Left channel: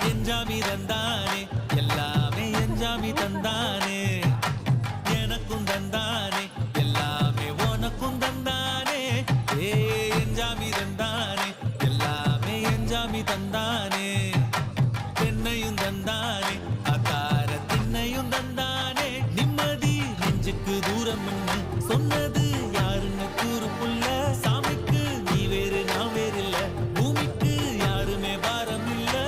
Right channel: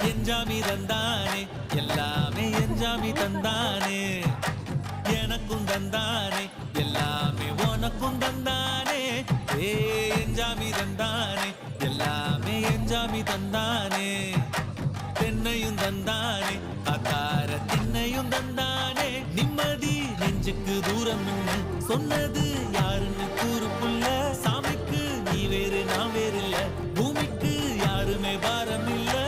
எஞ்சாமி தந்தானே எல்லாமே எஞ்சாமி தந்தானே. எனக்கும் தந்தானே எல்லாமே உனக்கும் தந்தானே. ஏ எஞ்சாமி தந்தானே எல்லாமே எஞ்சாமி தந்தானே. பெண்ணையும் தந்தானே அத்தார திண்ணையும் தந்தானே. நிம்மதி நெஞ்சுக்கு தூரம்னு சொன்னது யாருன்னு கூறு புள்ள சாமிக்கு நீ வேறு நான் வேறு இல்ல பூமிக்கு யாருமே பாரம் இல்லை